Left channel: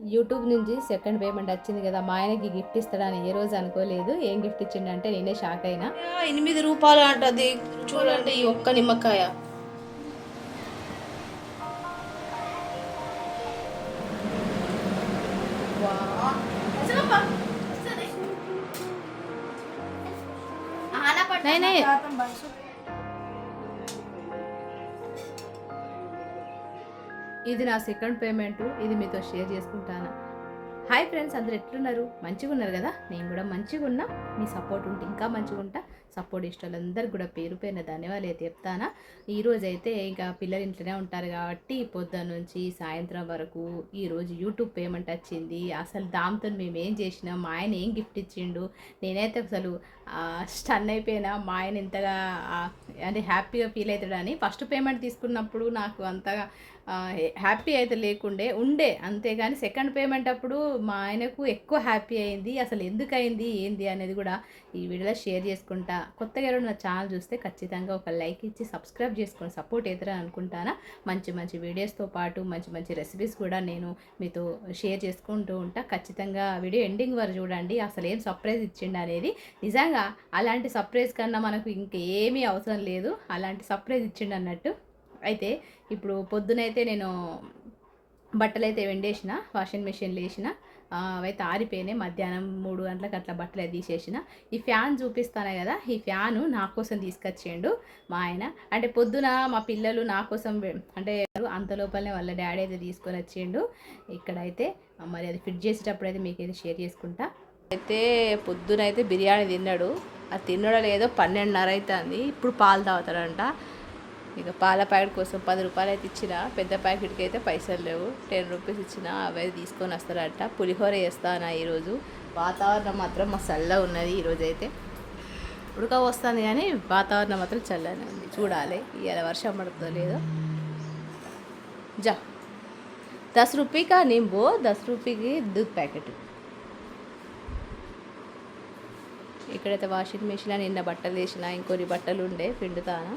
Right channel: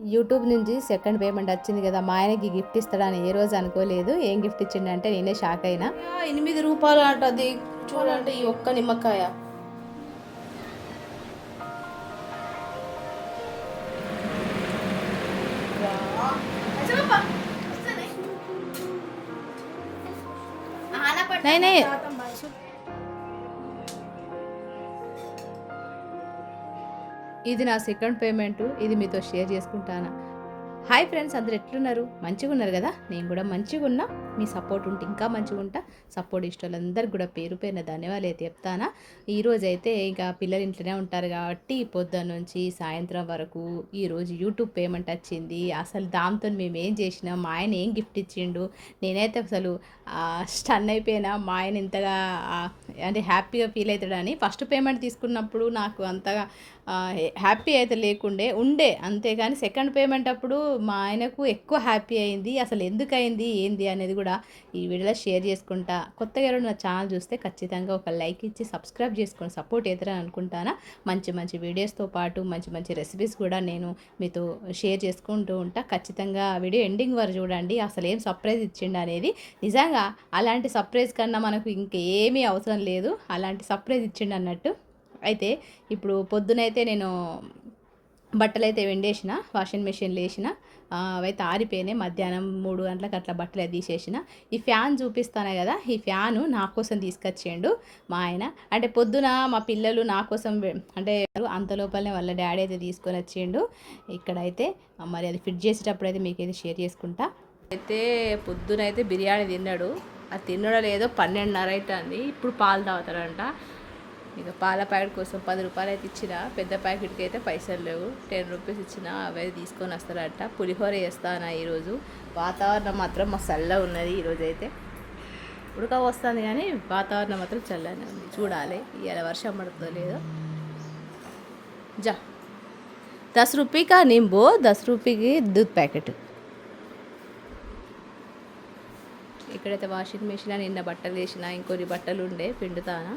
YouTube నుంచి second payment వచ్చింది కదా, మా ఆయనకి గిఫ్ట్ ఇస్తాడని ఏ రోజు అనుకోలేదు. ఏం గిఫ్ట్ ఇచ్చిండంటే నేనే షాక్ అయినా. రూపాయలు అంటది. చూడండి ఈ ఒక్క నిమ్మకాయ. ఇది నా సెకండ్ పేమెంట్. ఇది మీతో షేర్ చేసుకుంటాను. హాయ్ ఫ్రెండ్స్, అందరు ఎట్లున్నారు? మంచిగా ఉన్నారు కదా? నేను కూడా మంచిగా ఉన్నా. మీ సపోర్ట్ ఉంటే ఇంకా మంచిగా ఉంటా. సపోర్ట్ ఇష్టాలందరికీ కూడా పేరు పేరున ధన్యవాదాలు అయితే చెప్తానా. ఈరోజు అయితే ఇంకా పిల్లలు ఇంట్లోనే ఉంటారు కాబట్టి పొద్దున్న నుంచి సాయంత్రం వరకు ఈరోజు యూట్యూబ్ పేమెంట్ వచ్చింది. అసలు దాంతో మేము ఏం చేసినాం, మా ఆయన ఏం గిఫ్ట్ ఇచ్చిండు, నేనైతే అసలు స్టన్ అయిపోయినా. మా ఆయన ఇంతగా అంటే హ్యాపీగా ఫీల్ అవుతాడని. ఫస్ట్ పేమెంట్ తీసుకున్నప్పుడు నాకు అంతగా హ్యాపీ అయితే లేకుండే ఉండే, అంతేగాని సెకండ్ పేమెంట్ అప్పుడు మా ఆయనకు ఎక్కువ హ్యాపీ అయింది. అసలు ఎందుకు అయింది ఏంది అనేది కూడా ఈ వీడియోలో షేర్ చేసుకుంటా. కొత్తగా ఎవరైనా నా ఛానల్ చూస్తే ఖచ్చితంగా ఒక లైక్ ఇచ్చి సబ్స్క్రైబ్ చేసుకొని సపోర్ట్ అవుతారని అనుకుంటానా. మంచి మంచి వీడియోస్తో పాటు మంచి మంచి రెసిపీస్ కూడా నేను మీతో షేర్ చేసుకుంటూ ఉంటా. ఖచ్చితంగా వీడియో ఎండింగ్ వరకు చూడండి. అసలు ఏం సర్ప్రైజ్ ఇచ్చిండు అనేది. నిజంగా అలాంటి సర్ప్రైజ్ కన్నా మనకు ఇంకేమీ అవసరం లేదు. అలాంటి సర్ప్రైజ్ ఇచ్చిండు అన్నట్టు. అయితే ఇప్పుడు పొద్దునైతే నేను బట్టలు అయితే వెండేసిన, వాషింగ్ మెషిన్లో వేసిన. అవైతే ఆరిపోయినాయి. మధ్యాహ్నం 3 గంటలకు అట్లా బట్టలు అయితే తీసేసిన. ఈ ఫ్యాన్ చూపిస్తాను కదా, ఈ ఫ్యాను నా కోసం తీసుకొచ్చిండు మా ఆయన. అంటే పొద్దున మా పిల్లలు నా కోసం అంటే అంత లోపలనే వాళ్ళ డాడీ అయితే తీసుకొని వచ్చిండు. ఇక్కడైతే మరి అది ఫిట్ చేసేటప్పుడు అయితే మీకైతే షేర్ చేసుకుంటా. అయితే పొద్దునైతే బిర్యానీ తిన్నాడు. అది తినడం లేదో 12:30 అవుతుంది. ఇప్పుడు పాలు తాగుతాడంట. ఇక పాల ప్యాకెట్ కోసం 10 రూపాయలు అయితే ఇచ్చిన. పెద్ద ప్యాకెట్కి అయితే పైసలు లేవు. 10 రూపీస్ ఇచ్చిన. అవి తీసుకొని వస్తారట. పులిహోర చేస్తాను ఈరోజు. వాతావరణం మాత్రం మా చల్లగా ఉన్నది ఈరోజు అయితే. ఉడక వస్తుంది కానీ వాతావరణం మాత్రం చల్లగానే ఉంది. చూడాలి ఇవాళ వర్షం పడుతుందో లేదో. జా 10 రూపాయ కా నింబు, 10 రూపాయకి దూద్ ప్యాకెట్. ఇక్కడైతే వాషింగ్ మెషిన్ నిన్న బట్టలు వేసిన, ఇంకొన్ని బట్టలు ఉండే పిండుతానా.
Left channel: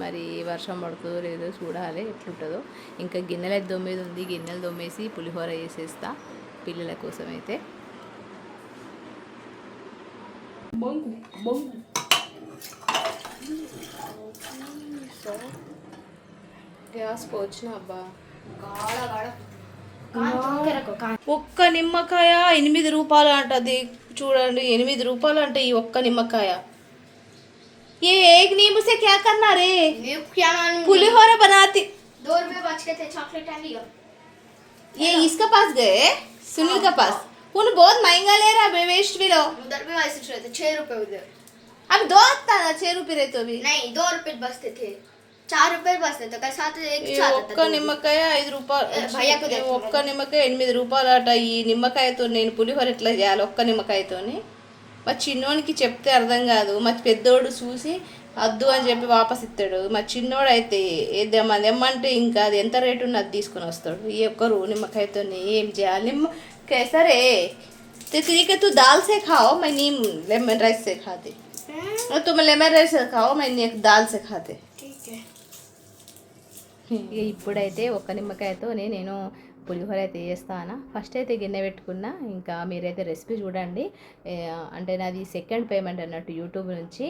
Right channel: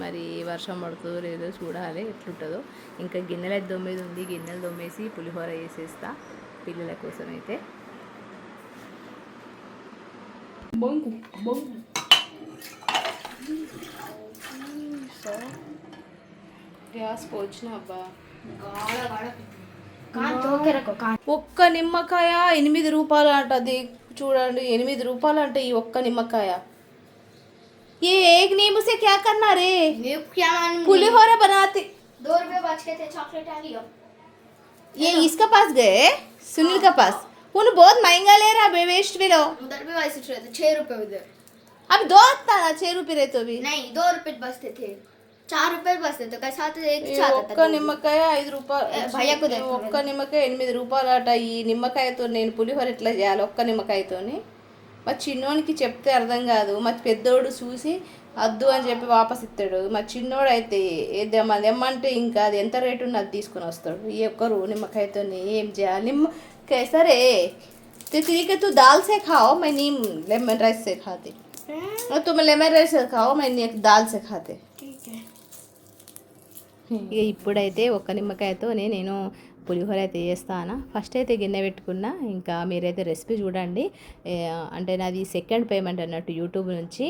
మరి వర్షం పడుతుందో లేదో చూడాలి ఎట్లుంటుందో. ఇంకా గిన్నెలు అయితే దొమ్మేది ఉంది. గిన్నెలు దొమ్మేసి పులిహోర వేసేస్తా పిల్లల కోసం అయితే. గ్యాస్ పోచిన అబ్బా. ఒక్క నిమ్మకాయ 8 రూపాయలు అంటది. చూడండి 8 రూపాయలు అంటే ఈ ఒక్క నిమ్మకాయ. ये एक नींबू से क्या करना रे? क्या मालूम। पुलिहोरा बनाती। 2 रुपए बच गए थे, चॉकलेट है लियो। ये इसके पास गए, सुनील के पास। उन बहुत महंगा ले रहा है, वेस्ट भी लो। उधर भी वैसे थे 6 रुपए उधर। अब दो आता ना 6 रुपए रहे तो भी नहीं 2 रुपए बचते थे, 4 रुपए बचते तो कैसा आता एक ఈ साथ ఒక్క నిమ్మకాయ 5 రూపాయలు. భయ్యకు ఈ ఒక్క నిమ్మకాయ 8 రూపాయలు అట. ఈ నిమ్మకాయతో నేను పులిహోర ఎట్లా చేయాలి ఒక్క నిమ్మకాయతోని? మా చిన్నోనికి చెప్తే అర్థం కాదు. మా పెద్దోడు చూసి వద్దు అని చెప్పి వాపస్ ఇస్తాడు. మా చిన్నోడు అయితే ఏమంటే ఇంకా అది ఎంత రేటు ఉన్నది తీసుకొని వస్తాడు. ఈ ఒక్కరు నిమ్మకాయతో ఏం చేయాలి? నిమ్మ సరే ठीक तू दाल से खाओ, मैं नीम लेमन राइस से खाते। तुम लेमन राइस से खाओ, मैं दाल से खाते। ఇక ఇప్పుడైతే ఒక్క నిమ్మకాయతోనే నేను పులిహోర అయితే చేస్తాను. ఫస్ట్ అయితే గిన్నె పెట్టుకున్నా. ఇంకా మీరైతే రెసిపీ చూడండి. అంటే నాది సెకండ్ పేమెంట్ అన్నట్టు యూట్యూబ్ నుంచి.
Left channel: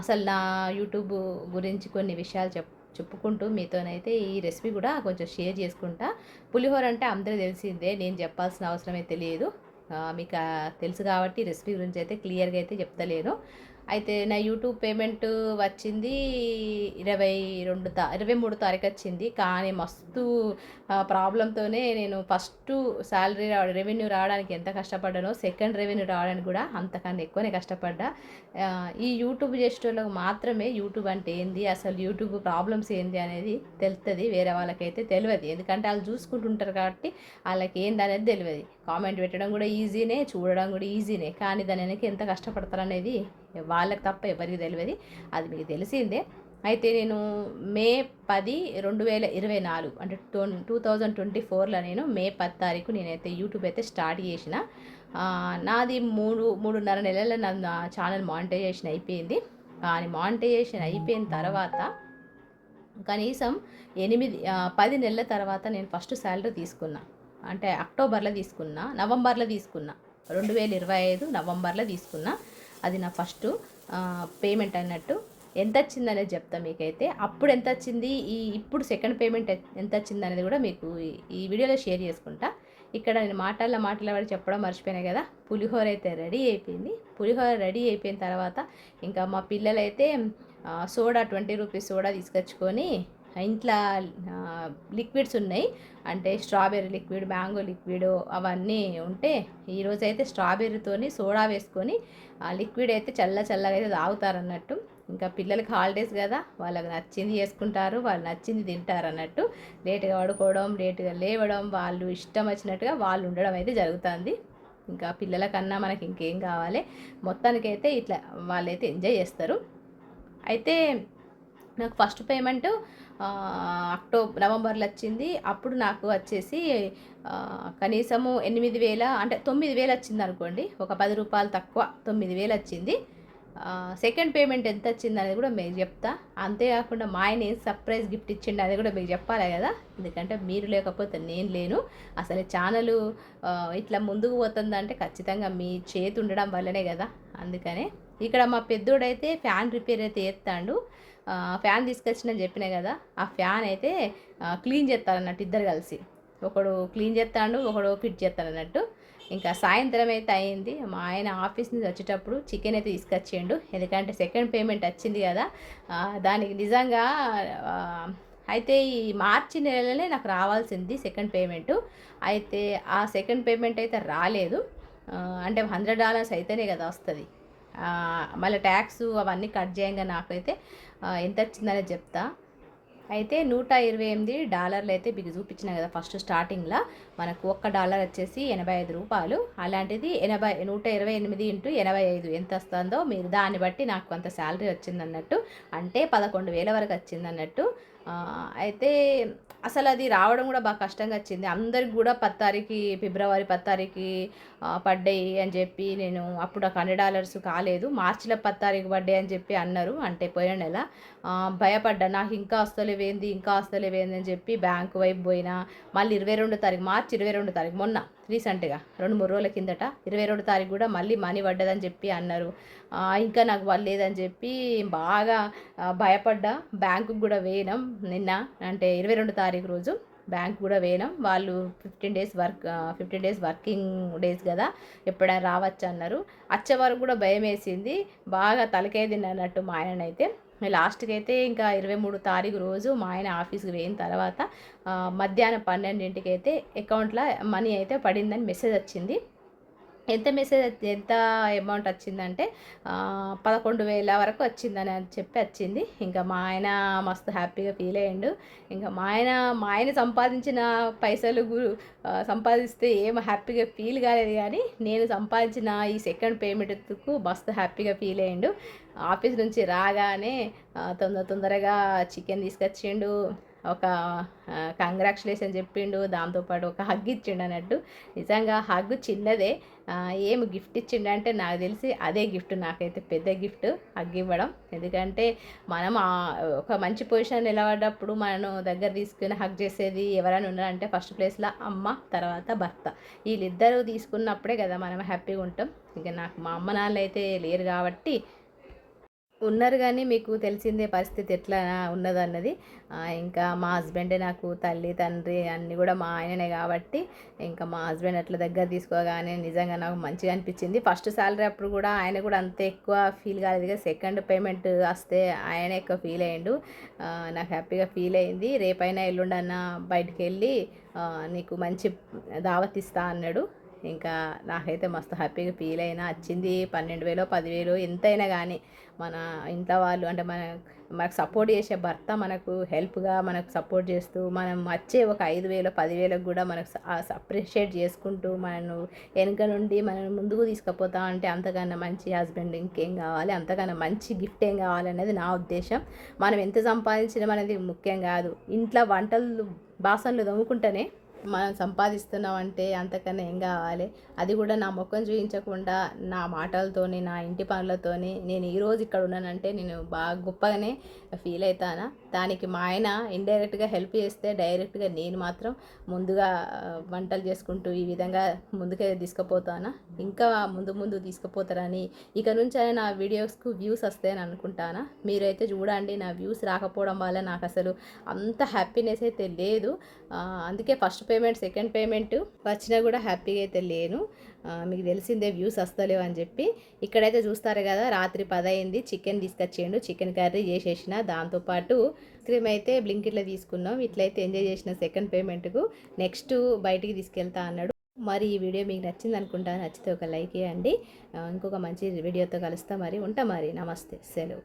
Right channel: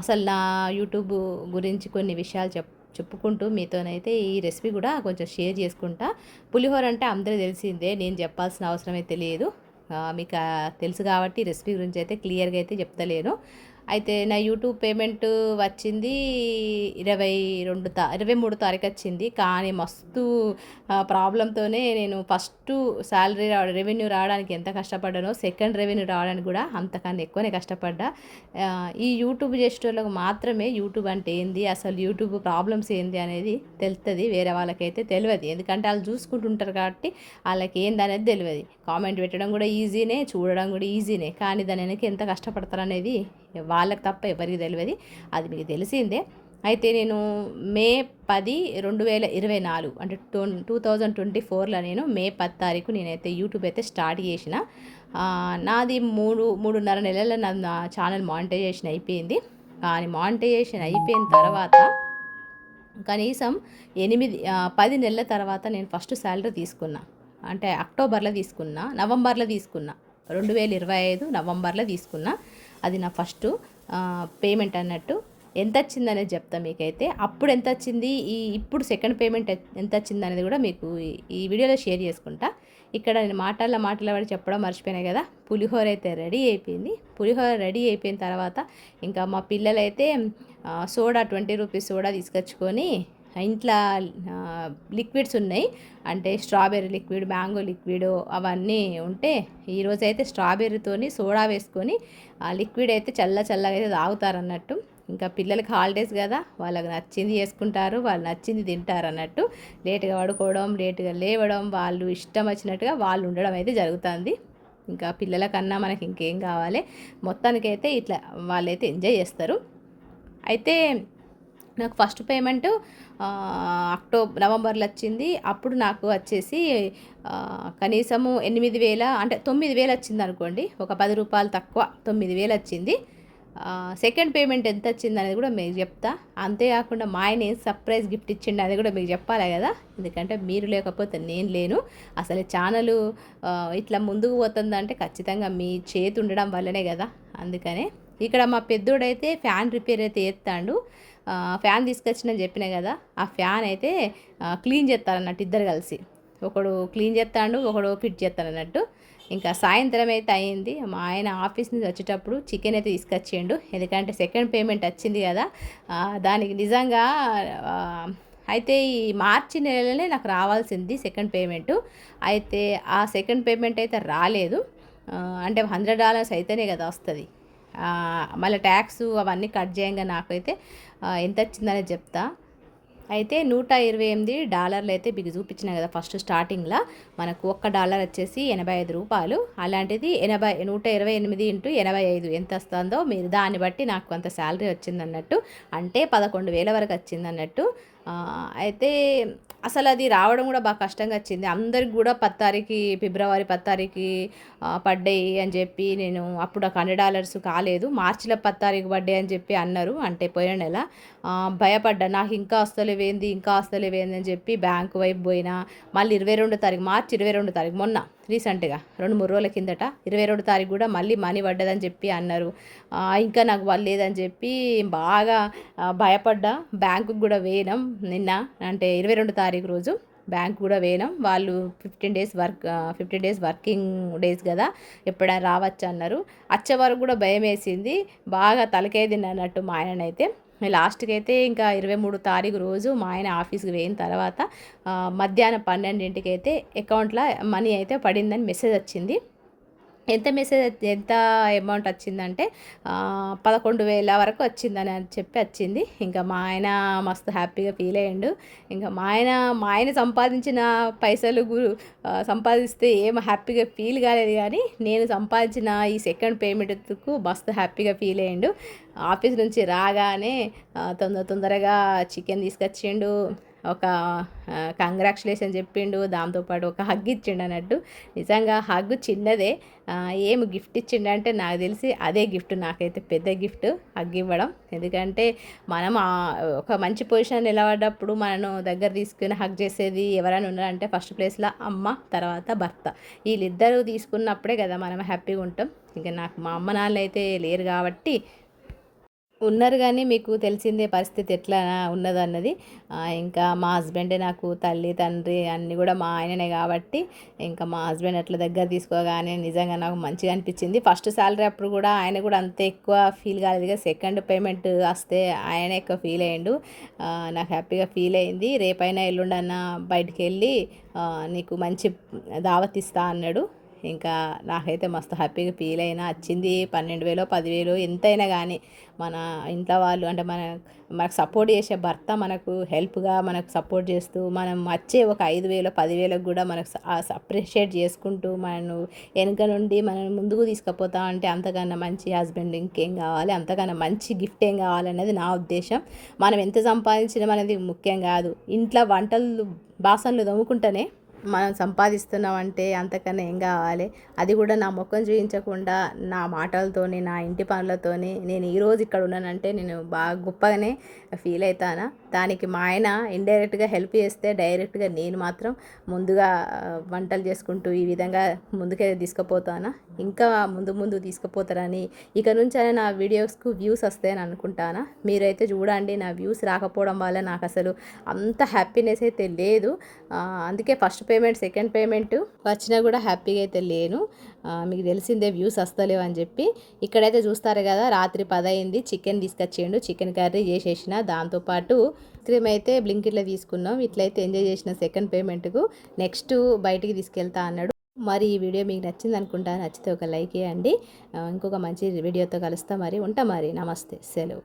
అసలు నా యూట్యూబ్ గురించి కొన్ని విషయాలు చెప్పుకుంటూ మీతోనైతే ఈ రెసిపీ కూడా కొంచెం షేర్ చేసుకుంటా. పులిహోర అంటే అందరూ తెలిసిందే, నేను చెప్పాల్సిన అవసరం అయితే లేదు. మీకు తెలుసు కాబట్టి రెసిపీ గురించి అయితే క్లియర్గా అయితే చెప్తలేను. అయితే నా యూట్యూబ్ పేమెంట్ వచ్చింది 23 తారీఖు వచ్చింది. కానీ మస్తు ప్రాబ్లంతోనే నేను ఫస్ట్ శాలరీ రెవెన్యూ రావడానికి ఎంత కష్టపడ్డానో సెకండ్ రెవెన్యూ రావడానికి కూడా అంతకన్నా ఎక్కువనే కష్టపడ్డా. ఈ యూట్యూబ్ చేసేటోళ్ళకి మాత్రమే యూట్యూబ్ అంటే ఏంది, అసలు యూట్యూబ్ ప్రాబ్లమ్స్ ఏంది అనేది తెలుస్తుంది. వేరే వాళ్ళకైతే తెలియదు. ఎందుకంటే వాళ్ళు చూసుకుంటుంటారు కాబట్టి వాళ్ళకి ఏంది అనేది తెలియదు. కామెంట్ పెట్టడం కూడా ఈజీనే, చూడడం కూడా ఈజీనే. కానీ దాని వెనక ఎంత కష్టపడతారు అనేది వాళ్ళకి తప్ప ఎవరికి తెలియదు. అది మీకు తెలిసిందే. అయితే నేను మే 10, 2024 అంటే 2024లో నేను మే 10 తారీఖు నేనైతే యూట్యూబ్ అయితే స్టార్ట్ చేసిన. నాది 3.5 నెలల నా ఛానల్ మానిటైజేషన్ అయిపోయింది. కానీ మానిటైజేషన్ అయిపోయిన తర్వాత కనీసం 10 నెలల తర్వాత నేను ఫస్ట్ శాలరీ తీసుకున్నా. అంటే అక్టోబర్లో తీసుకున్నా, నవంబర్లో తీసుకున్నా, 2025 నవంబర్లో తీసుకున్నా. అది నా ఫస్ట్ పేమెంట్ అన్నట్టు. ఎంత వచ్చిందనేది చెప్తా మీకైతే. అప్పుడు ఎంత వచ్చింది, ఇప్పుడు సెకండ్ పేమెంట్ ఎంత వచ్చింది అనేది కూడా మీకు ఈ వీడియోలో షేర్ చేసుకుంటా. ఇక్కడ నేను మాట్లాడబడి చెప్పడం మర్చిపోయినా కదా. పులిహోర అయితే రెడీ అయిపోయింది. పులిహోర రెడీ అయిపోయిన తర్వాత ఇంకా మా పిల్లలైతే సోడా 20 రూపీస్ సోడా తీసుకొచ్చుకొని ఇంట్లో లిక్విడ్స్ ఉన్నాయి. అంటే స్ట్రాబెర్రీ లిక్విడ్, మ్యాంగో లిక్విడ్ అవన్నీ ఉంటే ఈరోజైతే స్ట్రాబెర్రీతోని సోడా వేసుకొని ఆ లిక్విడ్ అయితే చల్లగా అయితే తాగుతారన్నట్టు. ఇంకా పిల్లలకి హాలిడేస్ కదా, వాళ్ళకి నచ్చింది చేసుకుంటారు, వాళ్ళు నచ్చింది తింటారు అన్నట్టు. లేట్గా పడుకోవడం, లేట్గా లేవడం, వాళ్ళు ఇష్టం వచ్చినట్టుగా వాళ్ళు ఉండడం అయితే జరుగుతుంది. ఇంకా పిల్లల కన్నా మనకి ఇంకేం కావాలి. మొత్తానికైతే ఇట్లా వాళ్ళైతే ఎంజాయ్ చేస్తారు. అయితే నాకు ఫస్ట్ పేమెంట్ నవంబర్లో వచ్చింది. అప్పుడు నాకు వచ్చేసి కనీసము 8,000 అంటే 9,000 వచ్చింది అనుకోండి. ఒక 10 రూపాయలు తక్కువ 9,000 వచ్చింది. సెకండ్ పేమెంట్ ఎంత వచ్చింది అనేది కూడా మీకు చెప్తా. అంతేకాకుండా మా ఆయన సర్ప్రైజ్ గిఫ్ట్ ఇచ్చిండు అనేది కూడా మీకు చెప్పాలి కదా. ఎందుకంటే మీరు లేకపోతే నేను లేను. అసలు ఛానల్ ఇట్లా ముందుకు పోతుందంటే ఖచ్చితంగా మీ చేతి ఉండడం వల్లనే కదా. అందుకనే ఇక్కడ మా పెద్దోడైతే ఫ్యాన్ రిపేర్ అయితే చేస్తాడు. ఫ్యాన్ తీసుకొచ్చిందని చెప్పినా కదా, ఆ ఫ్యాన్ అయితే క్లీన్ చేస్తారన్నట్టు ఇద్దరు కలిసి. ఒకడు క్లీన్ చేస్తాడు, ఒకడు ఫిట్ చేస్తాడు అన్నట్టు. ఇంకా సాయంత్రం అయితే అయింది. మా ఆయన ఆఫీస్ నుంచి వచ్చేటప్పుడు చికెన్ అయితే తీసుకొచ్చిండు. ఎందుకంటే సెకండ్ పేమెంట్ వచ్చింది కదా, దానికి నిజంగా అయితే ఈ మార్చి నెలలోనే నాకు రావాల్సింది సెకండ్ పేమెంటు. అయితే ఆ సెకండ్ పేమెంట్ అయితే రాలేదు. అంటే $100 అయితేనే కదా వస్తుంది. మళ్ళీ ట్యాక్స్ అవన్నీ కట్ చేయంగా నాకైతే ఎంత వచ్చిందనేది చెప్తా. అయితే $128 అయితే మీకు చూపించిన కదా ఫస్ట్ స్టార్టింగ్లో. మనకు $1 వచ్చేసి 85 రూపాయలు. అలాంటిది 128 ఇంటూ 85 ఎంత వస్తుందో మీరు దాన్ని బట్టి నాకు కొంత శాలరీ వచ్చిందన్నట్టు. అంటే 11,000 వరకు వచ్చిందన్నట్టు. అయితే అసలు అది రావడం కూడా బాగా కష్టంగా వచ్చింది. అందరికి కూడా 10 తారీఖు ఫిబ్రవరి 10 తారీఖు పడ్డాయి అని చెప్పి, నేను అప్పుడు $100 కాలేదు, మార్చిలో 10 తారీఖు పడ్డాయి అని చెప్పి అన్నారు. అంటే పోయిన నెల భయపడ్డా, నాకు ఇంకా వస్తలేవేంది అని చెప్పి బ్యాంకు వైపు పోయినా. మళ్ళీ 22 తారీఖు, మార్చి 22 తారీఖు మొన్న రీసెంట్గా 2-3 రోజుల కిందట 22 తారీఖు కూడా మళ్ళీ మనీ పడ్డదని చెప్పి అన్నారు. ఇంకా నాకు పడలేదని చెప్పి బాగా భయపడ్డా. బ్యాంకుకి కూడా వేయడం నిన్న, అంటే 22 తారీఖు రోజు బ్యాంక్ కూడా వేయడం. వాళ్ళు 15 డేస్ వర్కింగ్ డేస్ కదా, ఎప్పుడైనా రావచ్చు అన్నారు. వచ్చే వరకు కూడా భయం వేసింది, బాగా తలకాయ తిన్నట్టు మా ఆయననైతే. లాస్ట్కి అయితే ఇంకా 23 తారీఖు రోజు మా ఆయన ఆఫీస్కి వేయిన తర్వాత మధ్యాహ్నం 12ంటికి అయితే అకౌంట్లో మనీ అయితే పడిందని మెసేజ్ వచ్చింది. ఎంత అమౌంట్ వచ్చిందంటే 11,000 వరకు వచ్చిందని చెప్పి వచ్చింది. ఇంకా మా ఆయన మస్తు హ్యాపీగా ఫీల్ అయ్యిండు. ఇంకా మా ఆయన సంపాదించిన పైసలు సంపాదిస్తే ఏం హ్యాపీగా ఫీల్ కాలేదు, కానీ నేను సంపాదించిన ఈ సెకండ్ పేమెంట్కు మస్తు హ్యాపీగా ఫీల్ అయ్యిండు. ఆఫీస్ నుంచి రాగానే తొందరగా చికెన్ తీసుకొచ్చిండు, ఒక కంగ్రాచులేషన్ చెప్పిండు, దాంతోపాటు ఒక హగ్ ఇచ్చిండు అన్నట్టు. నిజంగా హగ్ చిన్నదే, ఏమి గిఫ్ట్ ఇచ్చిండంటే నాకు తెలిసి అదే గిఫ్ట్, నాకైతే పెద్ద గిఫ్ట్ హగ్ ఇవ్వడం. ఎందుకంటే మనం ఒక మంచి పొజిషన్ నిలబడ్డప్పుడు మనను దగ్గర తీసుకుని హగ్ చేసేది ఎవరైనా ఉన్నారంటే ఫస్ట్ ప్లేస్లో అమ్మ, తర్వాత భర్త. వీళ్ళిద్దరూ తీసుకున్నప్పుడే కదా మనం హ్యాపీగా ఉంటాం. ఇంకా నాకు మా అమ్మ నాన్న అయితే లేరు కాబట్టి, ఉన్నారు కానీ మీకు తెలిసిందే పరిస్థితి ఎట్లా ఉన్నదన్నది. ఇంకా మా హస్బెండే నాకు తల్లి తండ్రి అన్నీ కూడా మా ఆయననే కాబట్టి, ఇంకా మా హస్బెండ్ అట్లా దగ్గర తీసుకోగానే నిజంగా నాకు మంచిగా అనిపించింది. ఫస్ట్ శాలరీ అప్పుడు కూడా ఆయన కూడా అంత ఎక్కువ ఫీల్ కాలేదు, కదా సెకండ్ పేమెంట్ వస్తే ఆయనే ఎక్కువ ఫీల్ అయ్యిండు. నాకు హ్యాపీగా ఫీల్ అయింది. రేపైనా ఎల్లుండన్నా బయటికి వెళ్ళి నీకు మంచి దావత్ ఇస్తా అన్నాడు. ఇంకా నాకైతే మస్తు హ్యాపీగా ఫీల్ అయినా. వచ్చింది 12,000 10,000 ఎంతైనా కానీ మన ఇంట్లో వాళ్ళు అంటే మనకు సపోర్ట్ చేసే భర్త మనకు హెల్ప్గా మనకు సపోర్ట్ చేస్తూ, మనం వచ్చే ఒక 5,000 10,000 కూడా మనకు అప్రిషియేట్ చేసుకుంటూ మనం వెనుక నుండి మనం ముందుకు తీసుకుపోతా అంటే అంతకన్నా మంచి హస్బెండ్ ఇంకేం కావాలి, అంతకన్నా మంచి గిఫ్ట్ ఏం కావాలనేది నా ఉద్దేశం. మనం ఎంత సంపాదించడం అనేది ముఖ్యం కాదు, ఇంట్లో వంటలు బాసనలు తోముకుంటేనే మనం సంపాదిస్తున్నామంటే అంతకన్నా ఏం కావాలి. అది కూడా నా ముఖం చూపించకుండా నా మాటలతోని నా ఇంటి పనులతోని నేను ఈరోజు ఇక్కడ ఉన్నానంటే నేను బాగా గొప్పగానే ఫీల్ అవుతాను. దానికి మా ఆయన ఇండైరెక్ట్గా హెల్ప్ చేస్తే డైరెక్ట్గా నేను మాత్రం ముందుగా వంటలు చేసుకుంటూ ఈ విధంగా ముందుకే తీసుకుపోతాను. ఇంకా ముందు తీసుకుపోతారని ఇక నుంచి అయినా నా వీడియోస్కు వ్యూస్ వస్తాయని అనుకుంటాను. మీరైతే చూడండి, నా వ్యూస్ రాకపోవడం వల్ల నాకు అసలు అంత హ్యాపీనెస్ అయితే లేదు. అందుకే ఫస్ట్ పేమెంట్ సెకండ్ పేమెంట్ వచ్చినా కూడా హ్యాపీగా అయితే లేను. మీకు తెలిసిందే వ్యూస్ వస్తలేవు అని చెప్పి. ఇక్కడైతే చూస్తారు కదా, రాత్రి 10 అయింది. చికెన్ తీసుకొచ్చేయండు, చికెన్ కర్రీ చేసేసిన. దాంతోపాటు క్రీమ్ అయితే బ్లింకిట్లో తీసుకున్నాం. ఇట్లయితే ఎంజాయ్ చేసిన సెకండ్ పేమెంట్కు. నెక్స్ట్ బయటికి తీసుకెళ్తా అన్నాడు. మరి ఈ వీడియో మీకు నచ్చింది అనుకుంటా. నచ్చితే ఒక లైక్ చేయండి. ఇంకొక మంచి వీడియోతో కలుస్తా. మరి ఉంటా, మరి నమస్తే, సెలవు.